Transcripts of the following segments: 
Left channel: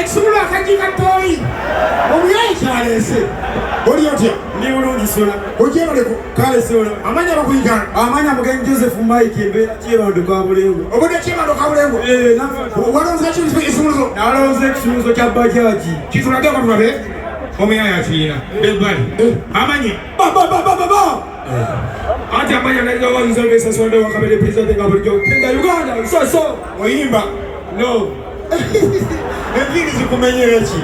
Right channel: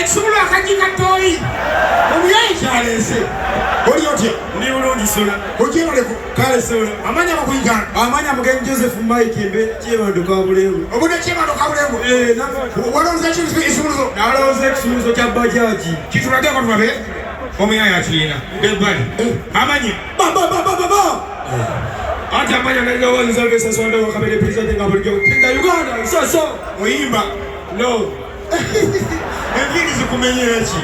Exula kanjika toi. Omuyayi kyalese. Oli otya? Ndi bulungi sula. Ogyeno leko Kale sula. amanya bakuyigana. Amanya mugenyi Joseph Mike mbeera kyebando ka bulengo. Obudde kyebando ka bulengo. Walonze kisumuluzo. Nalonze ekisumuluzo kya bajaji. Kitulageko tulabe. Omuyayi akirina. Ebbali. Amanya. Ba. Ate amanya nalyo wanza besa sonda wakabele president nga bulijjo. Tenga Uganda. So. Oyimba. No. Enviri zikumenyera ki?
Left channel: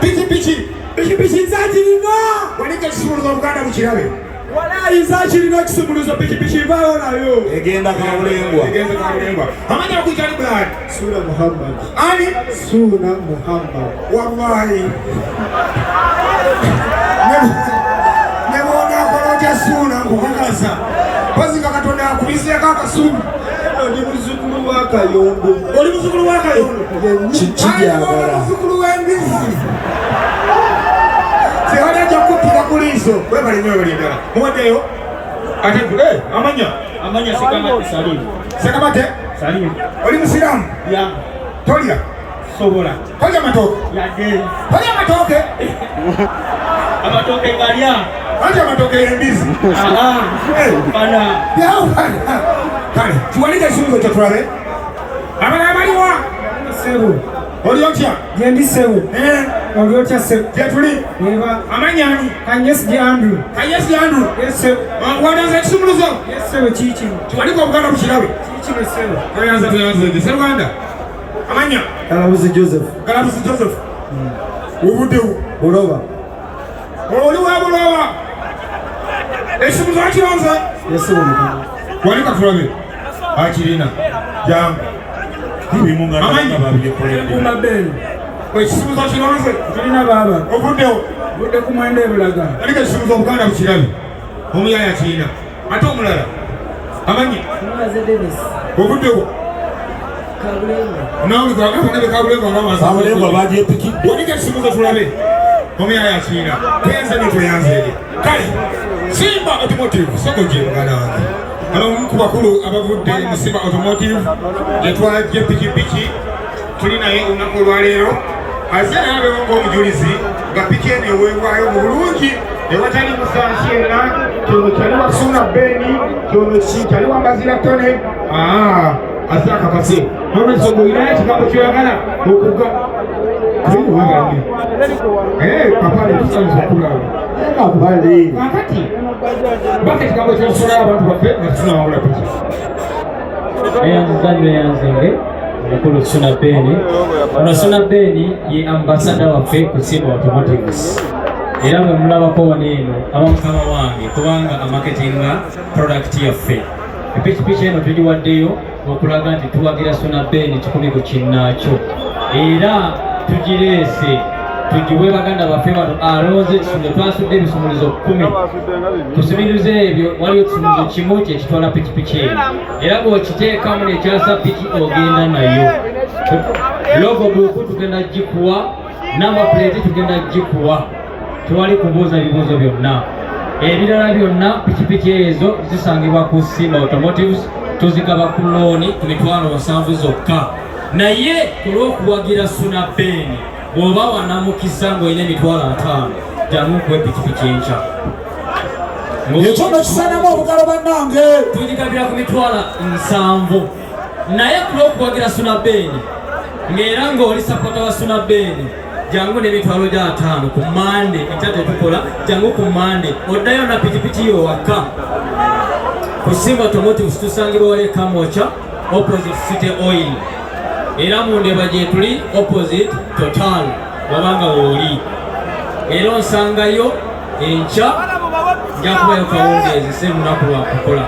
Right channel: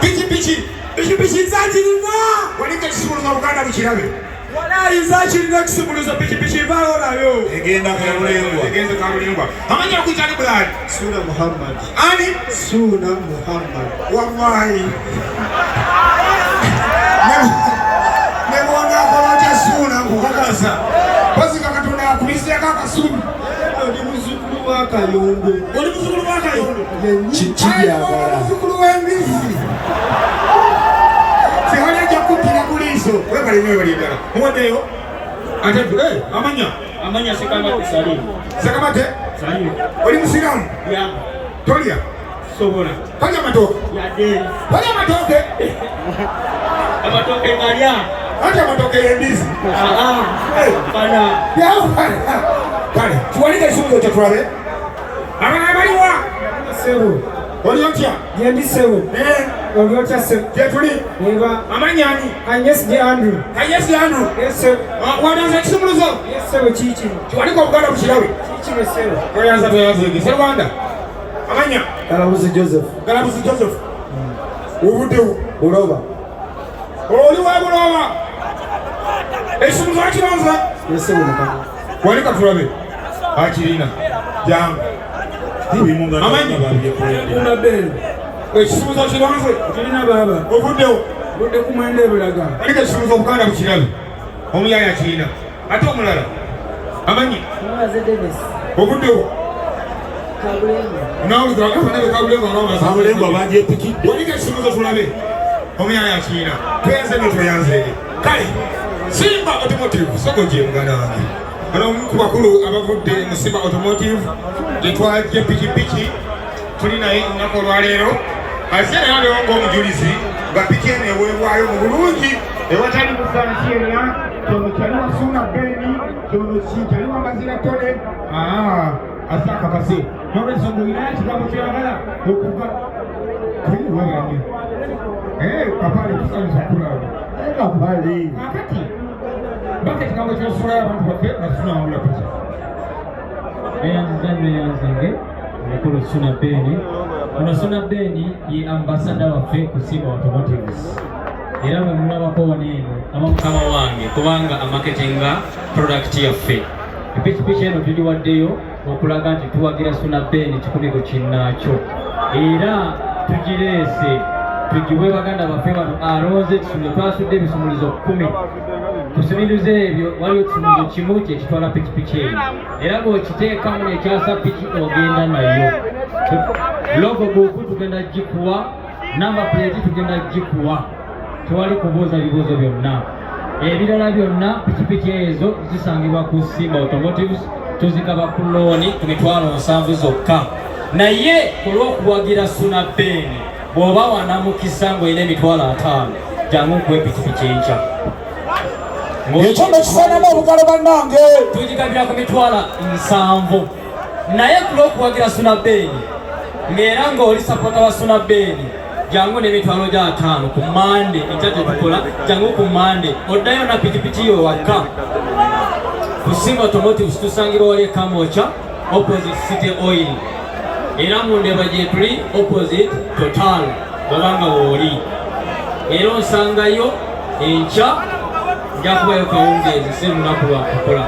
Pichi zakirina. Wanika kisumuluzo Buganda bukirabe. Walayi zakirina kisumuluzo pichi bayo nayo. Egenda kabulengwa. Amanya okuyita ni Blood. Suna Muhammad. Ani? Suna Muhammad. Wallahi. Nebona konoja suna kukakaza. Bazinga Katonda akulise kaka sumu. Oli muzukulu wa Kayondo. Oli muzukulu wa Kayondo. Kijagala. Muzukulu wa Mbisi. Sehana jakupira kuliso. Wewe bali nyo bali ndala. Mwodeyo. Ate Amanya Sekamate Salim. Sekamate Salim. Oli Musiramu. Ya. Tolia. Sobola. Tolia matoke. Ya de. Tolia matoke. Amatoke ngalia. Ate matoke y'embisi. Bana. Ya. Kale, tumalike kisumuluzo kyo tulabe. Abagala baliwa. Sebo. Oli otya? Yendi sebo. Oli otya sebo. Tetuli. Neba. Amanyani. Kanyesi Andrew. Kanyesi Andrew. Yes. Wadanza kisumuluzo. Yes sebo chichi. Tuwaliko Buganda bukirabe. Chichi sebo. Toyanza. Serwanda. Amanya. Galabuzi Joseph. Ubudewo. Buloba. Oli wa Buloba. Ekisumuluzo akironza. Yes sebo mukama. Walika tulabe. Akirina. Jam. Amanya. Kuna Beni. Ekisumuluzo kironze. Kirina baba. Obudewo. Budde kumwende bulaga. Walika ekisumuluzo Buganda bukirabe. Omuyaya kirina. Ate omulala. Amanya. Mwaze Davis. Obudewo. Kabulengo. Nawe abana bekabulengo ngamaso. Kabulengo baje piki. Walika ekisumuluzo tulabe. Omuyaya kirina. Tuyanze. Kale. Simba Automotive. Sokoje Buganda wange. Ano ku bakulu abavudde mu Simba Automotive yetwaje pikipiki tuli naye olunaku olwaleero azze nabe ng'omujulizi nga piki eno eweebwayo mu bulungi ewatali musansi yenna kyono kyali wa Suna Beni kyono kyali wa Mbazira Tonny azze akakase nolwekyo ng'olinayo ekigambo kyoyagala okuga kapale tusanyiza okulaba Kapale. kakati baka ekigambo kyosula abantu baffe nga tusunawangula piki Eyanzange omukulu Suna Beni. Ono Suna Beni ye ambassador waffe ku Simba Automotives. Era bwe mulabako wano abamukama wange kubanga amaketinga product yaffe. Epikipiki eno tugiwaddeyo okulaga nti tuwagira Suna Beni kikumi ku kinnaakyo. Era tugireese tugiwe baganda baffe bano alonze ekisumuluzo twasudde ebisumuluzo 10. Kusumiriza ebyo waliwo ekisumuluzo kimu kyekitwala pikipiki eyo. Era bw'okiteekamu nekyasa piki ogenda nayo. Logo buku tugenda gikuwa, number plate tugenda gikuwa. Tewali kubuuza bibuuzo byonna. Ebirala byonna pikipiki ezo zisangibwa ku Simba Automotives, tuzigaba ku looni ku mitwalo 7 zokka. Naye ku lw'okuwagira Suna Beni bw'oba wanamukisa ng'olina emitwalo 5 jangu kuwe pikipiki enkya. Ekyombo kisanamu obugalo bannange. Tugigabira ku mitwalo 7. Naye ku lw'okuwagira Suna Beni ng'era ng'oli sapota wa Suna Beni jangu n'emitwalo gya 5 ku Mande ekyadde tukola jangu ku Mande oddayo na pikipiki yo waka. Ku Simba Automotives tusangibwa wali Kamocha opposite City Oil. Era mu Ndeba gye tuli opposite Total bw'obanga wooli. Era onsangayo enkya njakubayo kawungeezi si lunaku lwa kukola.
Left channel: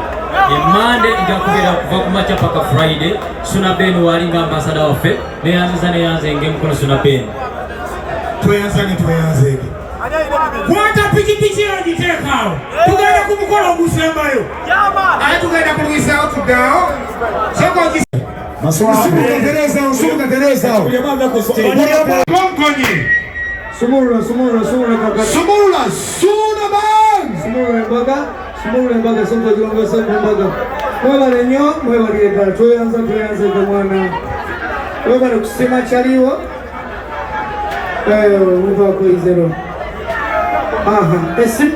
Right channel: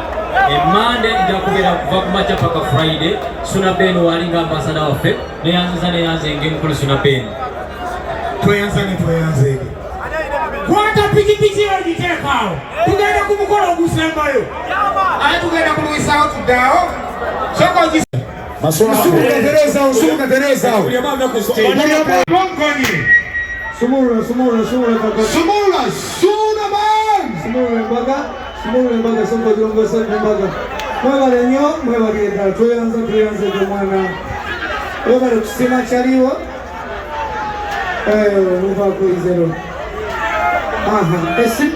Mande njakubeera kuva ku makya paka Friday. Suna Beni walinga ambasada waffe neyanze ng'emukulu Suna Beni. Tweyanze. Kwata pikipiki eyo giteekaawo. Tugenda ku mukolo ogusembayo. Ate tugenda kulwisaawo tuddaawo. Tereza. Konkonyi Sumula kaka. Sumula man. Sumula mbaga songo jongo songo mbaga. Mwebale nnyo, mwebale ddala tweyanze ku mwana. Webale kusima kyaliwo. Muvaako izero. Aha, esi.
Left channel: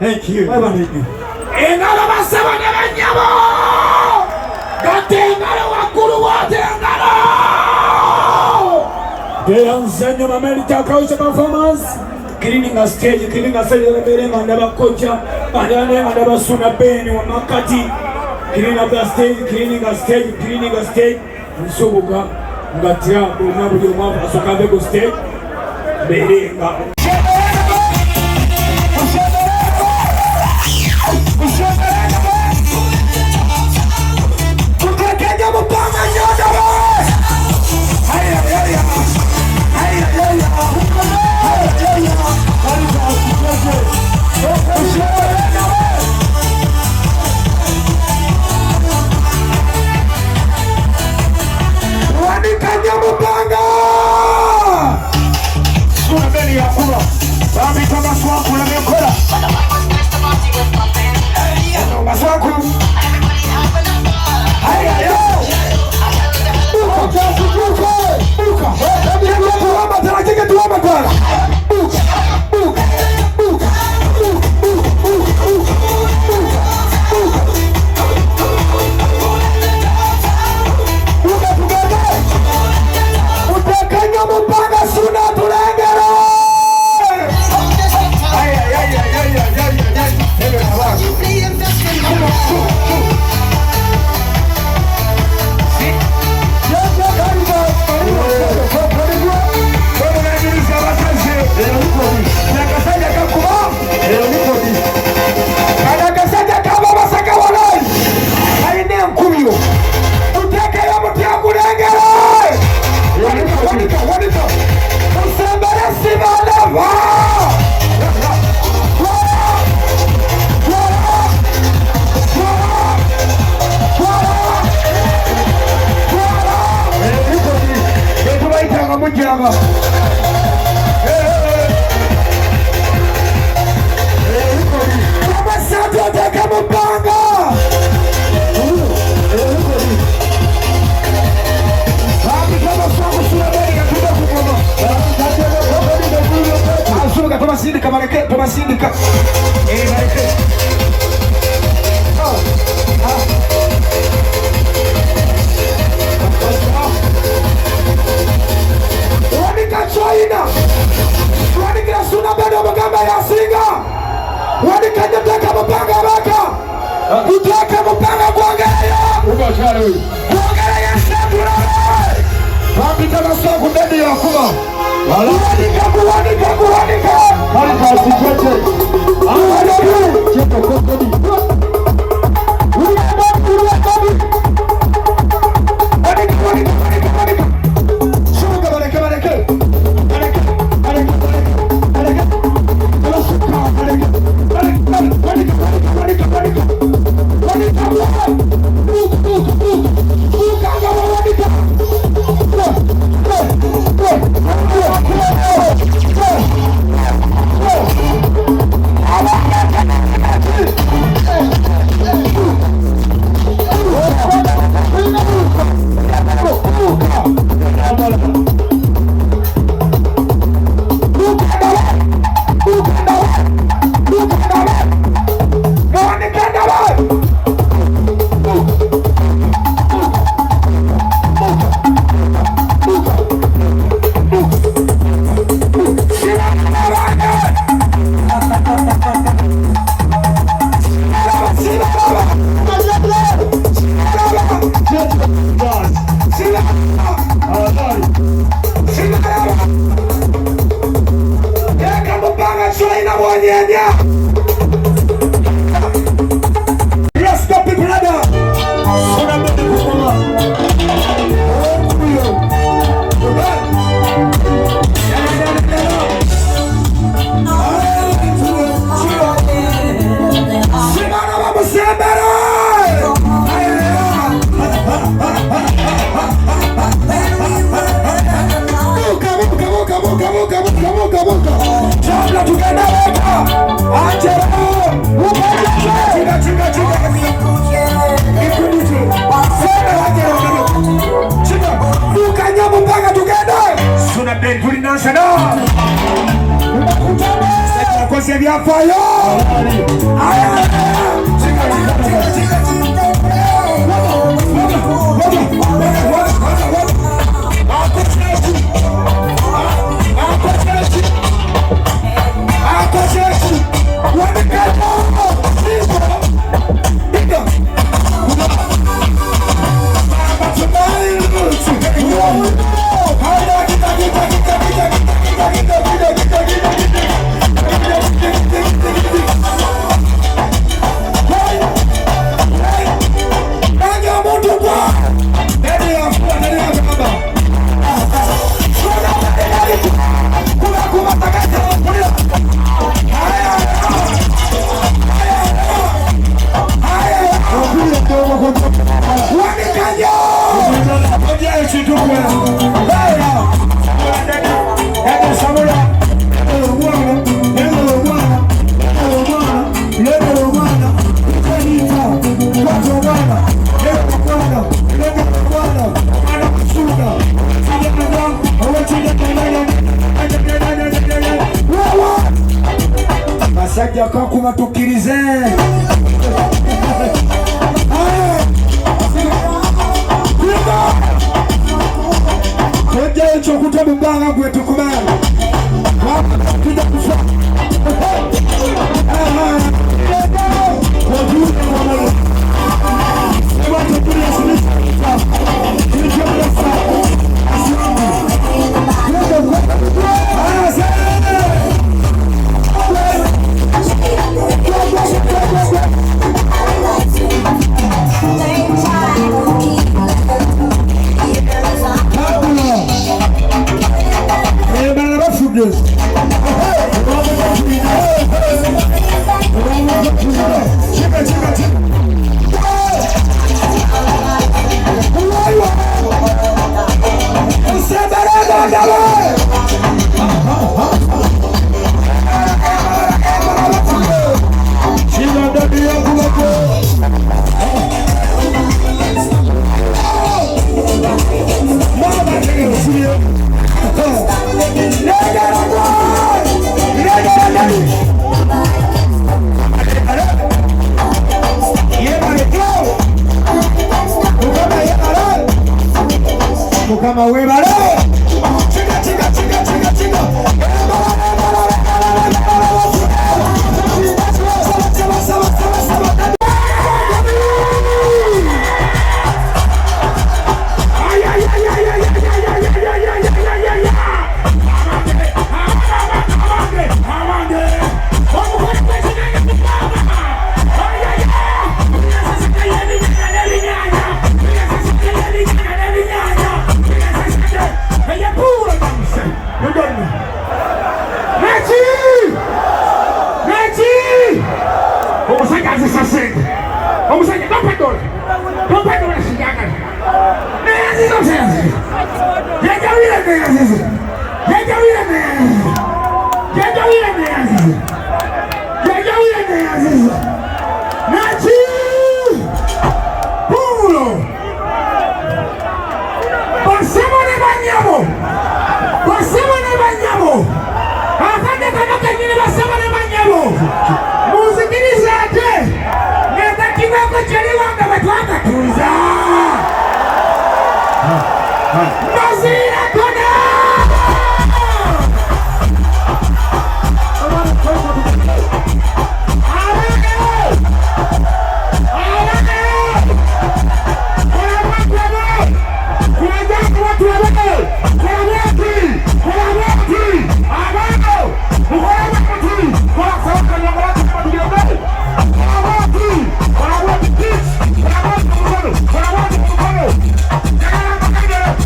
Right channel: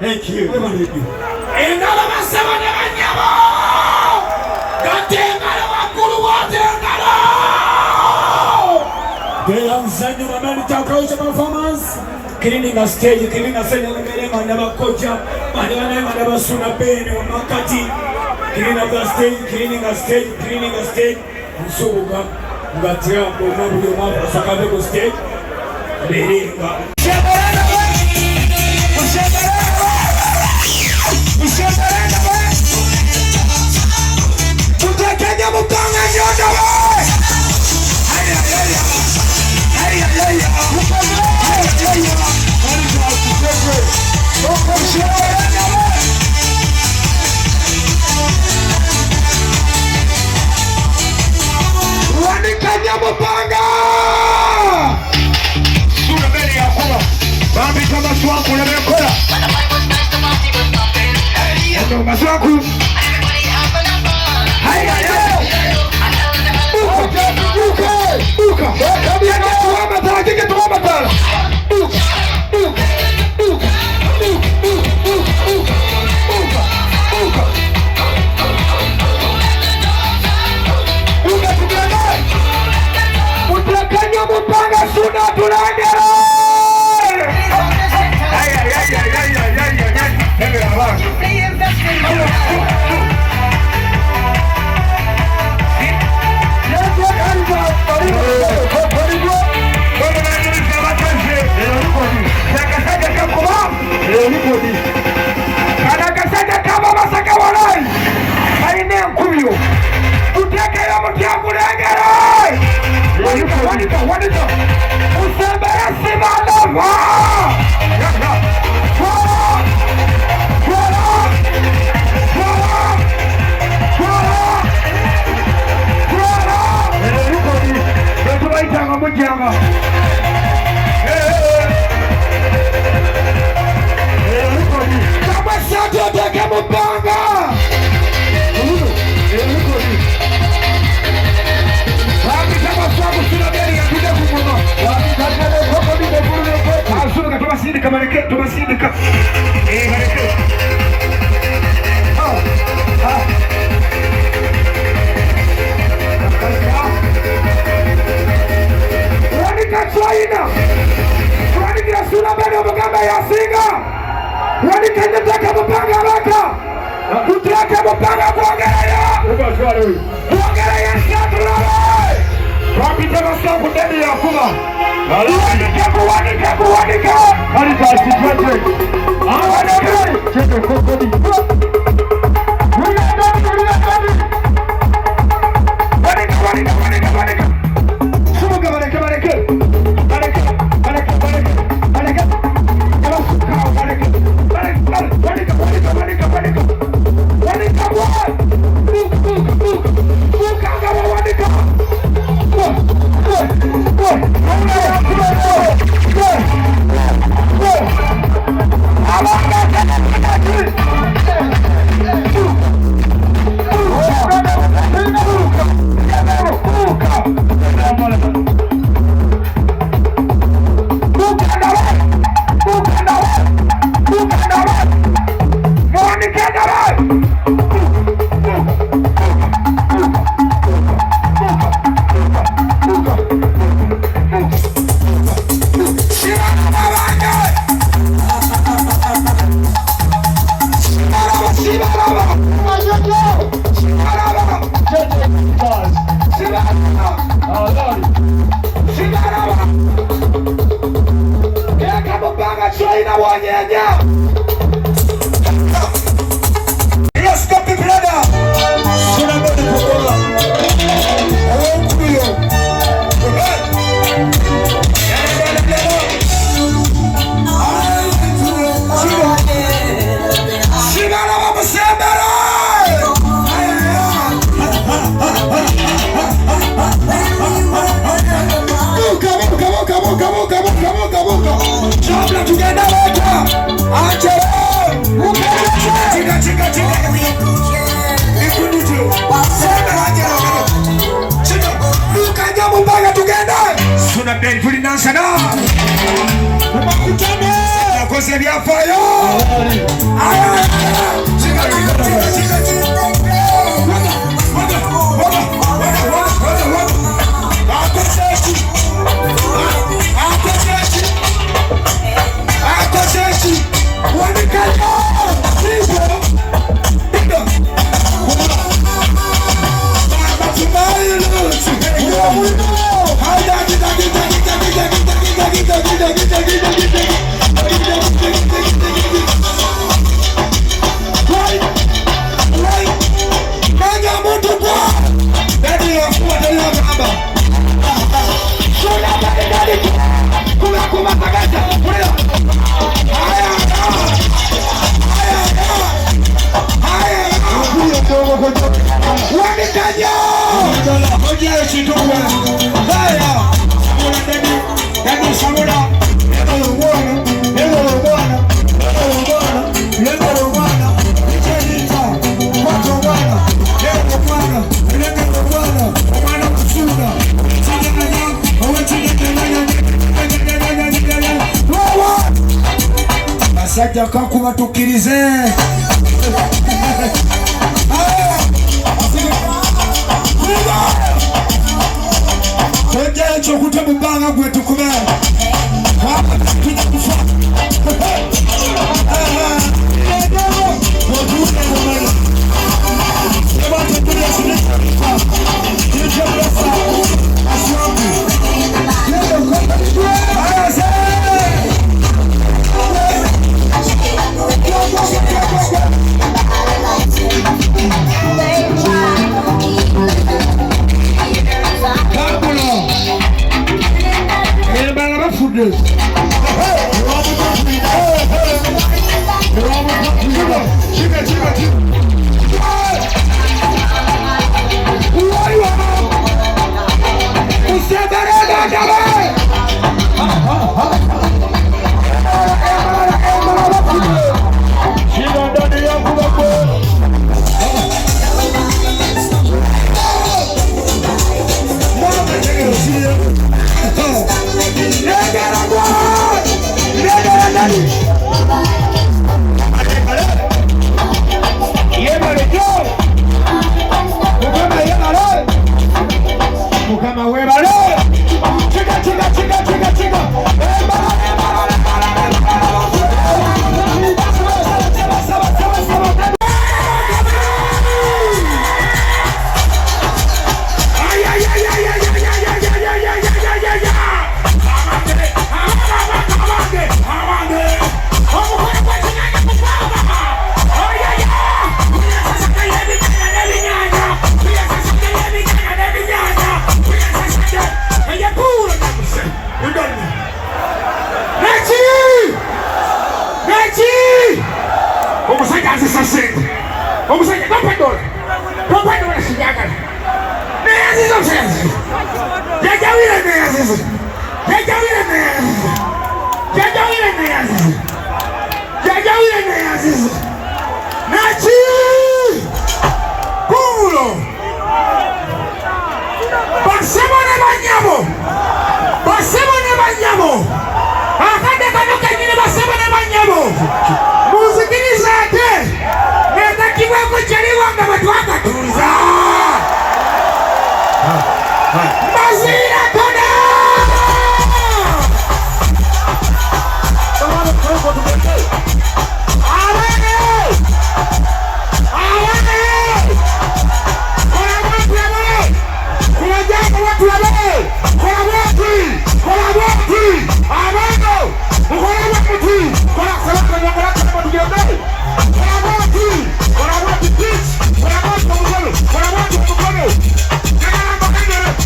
Thank you. Engalo basema n'abanyabo. Gatengalo wakulu watengalo. Gera muzanyo America Culture Performance. Cleaning a stage leberenga n'abakocha. Badane n'abasuna Beni wa makati. Cleaning a stage. Nsoboga ngatia bonna buli omwana asakabe ku stage. Berenga.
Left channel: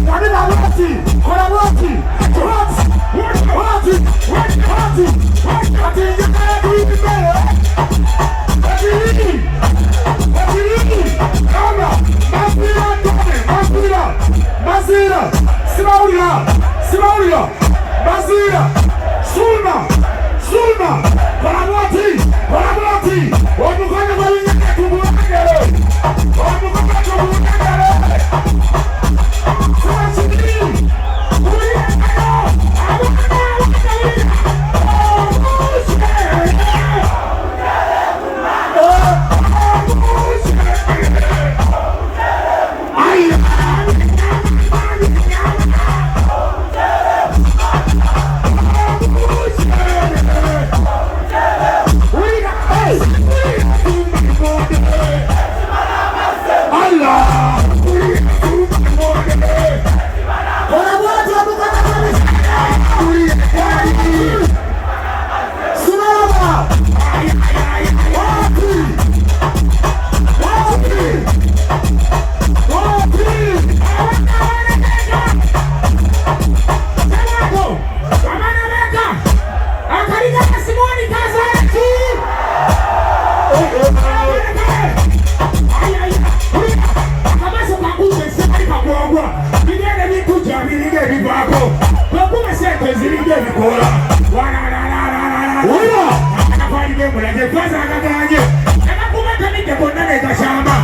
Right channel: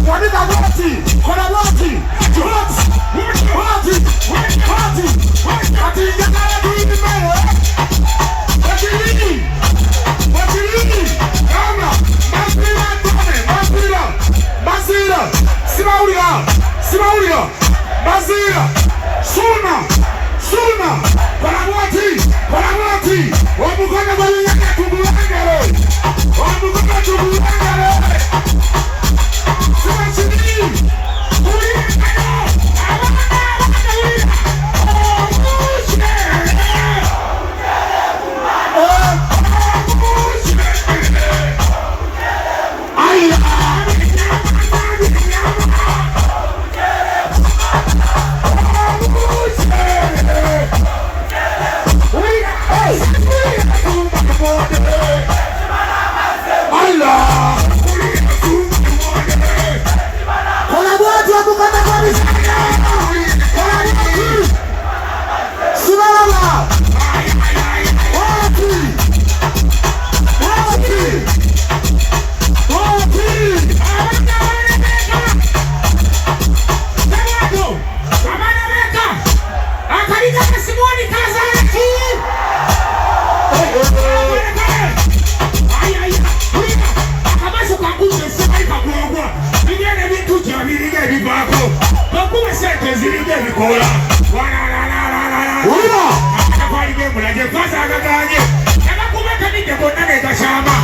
What tezirije bikola wala akakwalije mulage pasa akaganje akakumata nide bonna nekashamba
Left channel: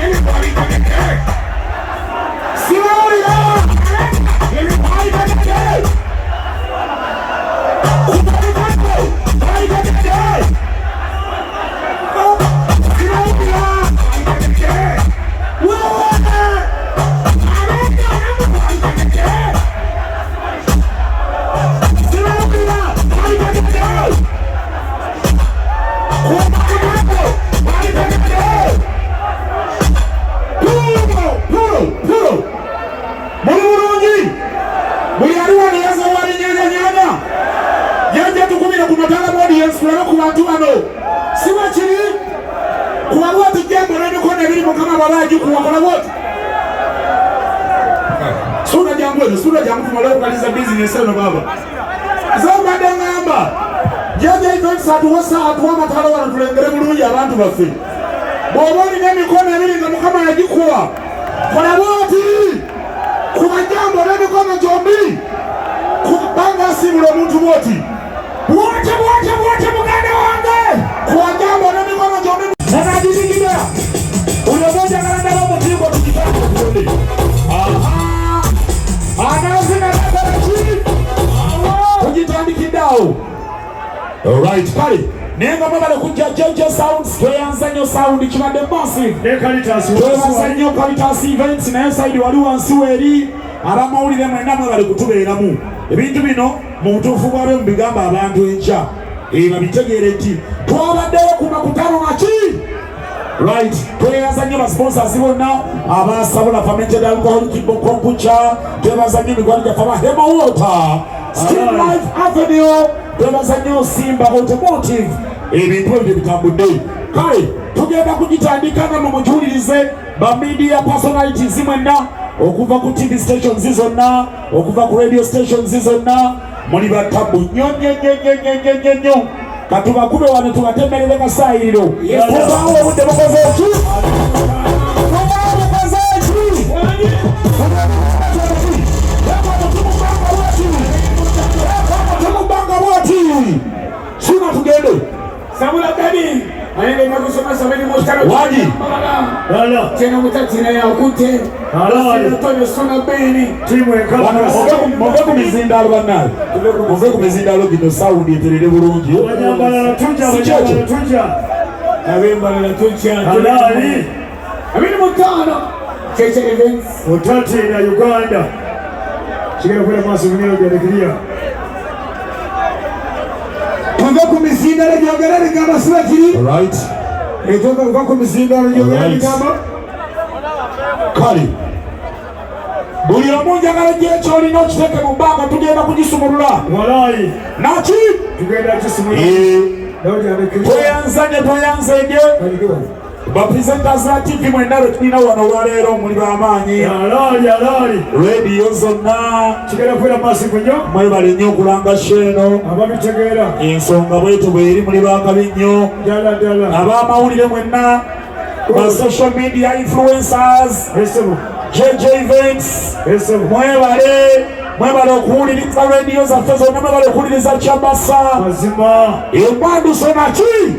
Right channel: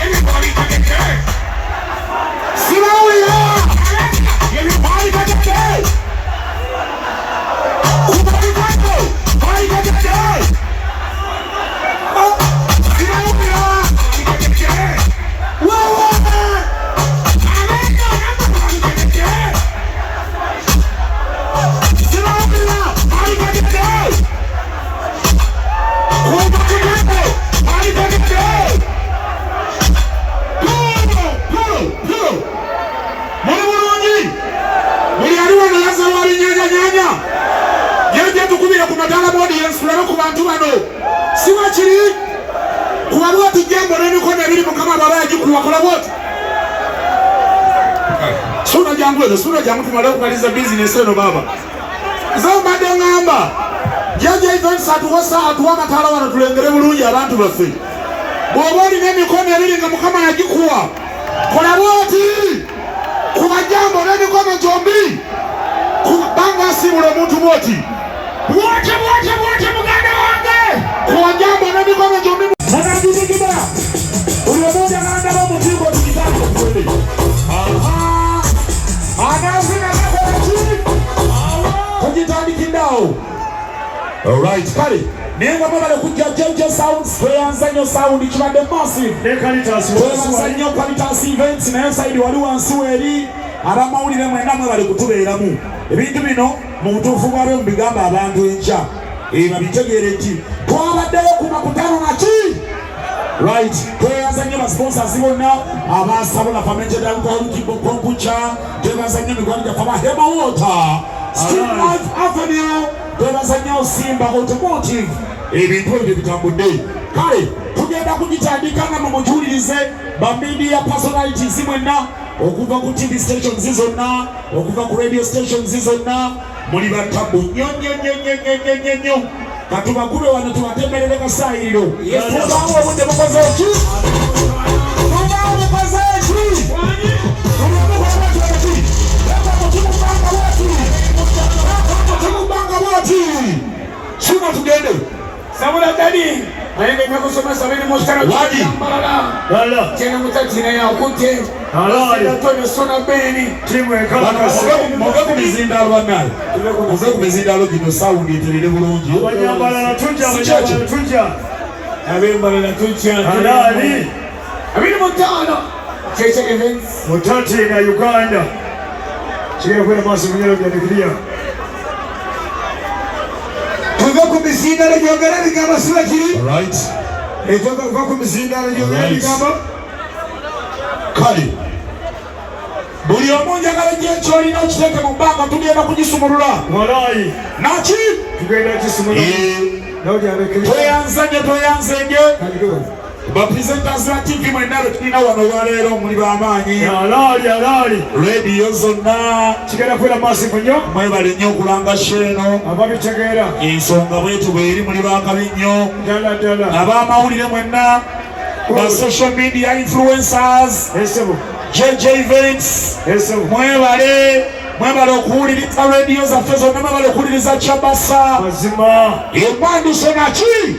yebikoli kageke sinawulira yebikoli kageke Sura jangu kumala kumaliza business eno baba. Zamba dongamba. Jaja events atuwasa atuwana tala wana tulengere bulungi abantu baffe. Bwoboli n'emikono ebiri nga mukama yagikuwa. Kola bwoti. Kuba jambo n'emikono gyombi. Kubanga simula muntu bwoti. Bwoti muganda wange. Kuba jambo n'emikono gyombi. Nagajijigida. Uliyomoja nanda wa mutigo tukitaka kukundi. Aha. Alright, pale. Nenga mabale kuja JJ Sounds, tweyanzanyo sound kibadde massive. Tweyanzanyo Qualitas Events nayo side waliwo ansuweri abamawulire mwenna mwebale kutubeeramu. Ebintu bino mu butuufu bwabyo mubigamba abantu enkya. Babitegeere nti twabaddeyo ku makutano naki? Right, tweyanzanyo ba sponsors bonna abasabula fermented alcoholic kombucha, tweyanzanyo mikwano gya Hema Water, Steam Life Avenue, tweyanzanyo Simba Automotive. Ebintu ebyo bitambudde. Kale tugenda kugitandika mu mujulirize ba media personalities mwenna okuva ku TV stations zonna, okuva ku radio stations zonna, muli batambu nyo. Katubakube wano tubatemerere kasayiro. Tubawo budde bukoze ki? Tubawo bukoze ki? Tumubanga wati. Sima tugende. Sabula tadi. Aende kakusoma sabeni mostara. Wadi. Lala. Tena mutatina ya kute. Lala. Tonny sona Beni. Timu ekala. Mubako mizindalo banaye. Mubako mizindalo gino sound eterere bulungi. Abanyambala tunja. Abembala na tunja. Halali. Abini mutana. Cheche events. Mutati na Uganda. Chikira kwa maso mwenyewe janikilia. Mubako mizindalo jogerere ngama sibakiri. Right. Etoka mubako mizindalo jogerere ngama. Kali. Buli omunja ngaleje kyolina okiteeke mu bbanga tugenda kugisumulula. Walai. Naki? Tugenda kisumulula. Tweyanzenye. Ba presenters la TV mwendalo tulina wano olwaleero muli b'amaanyi. Alali. Radio zonna. Kigenda kubeera massive nnyo. Mwebale nnyo okulanga sheeno. Ababitegeera. Ensonga bwetyo bweri muli baakabi nnyo. Ddala. Ab'amawulire mwenna. Ba social media influencers. JJ Events. Mwebale okuwuliriza radio zaffe zonna, mwebale okuwuliriza Kyabasa. Embandu sonaki.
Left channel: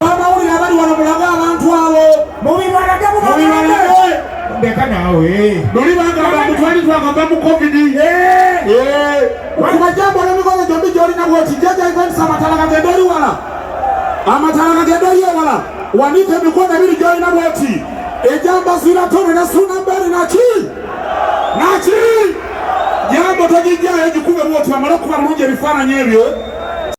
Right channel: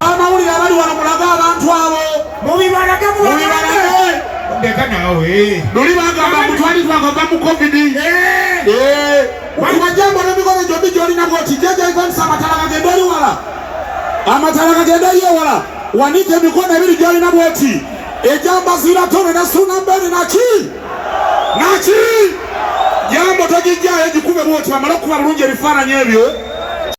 Amawulire abali wano mulaga abantu abo. Mubibalage. Ndeka naawe. Luli bagamba mutwali twagamba mu COVID. Waliwo jambo n'emikono gyombi gy'olina bw'oti JJ Events amatala gagenda eri wala. Amatala gagenda eri wala. Wanike emikono ebiri gy'olina bw'oti. Ejambo zira Tonny ne suna Beni naki? Jambo togijjayo gikube bw'oti bamale okuba bulungi ebifaananyi ebyo.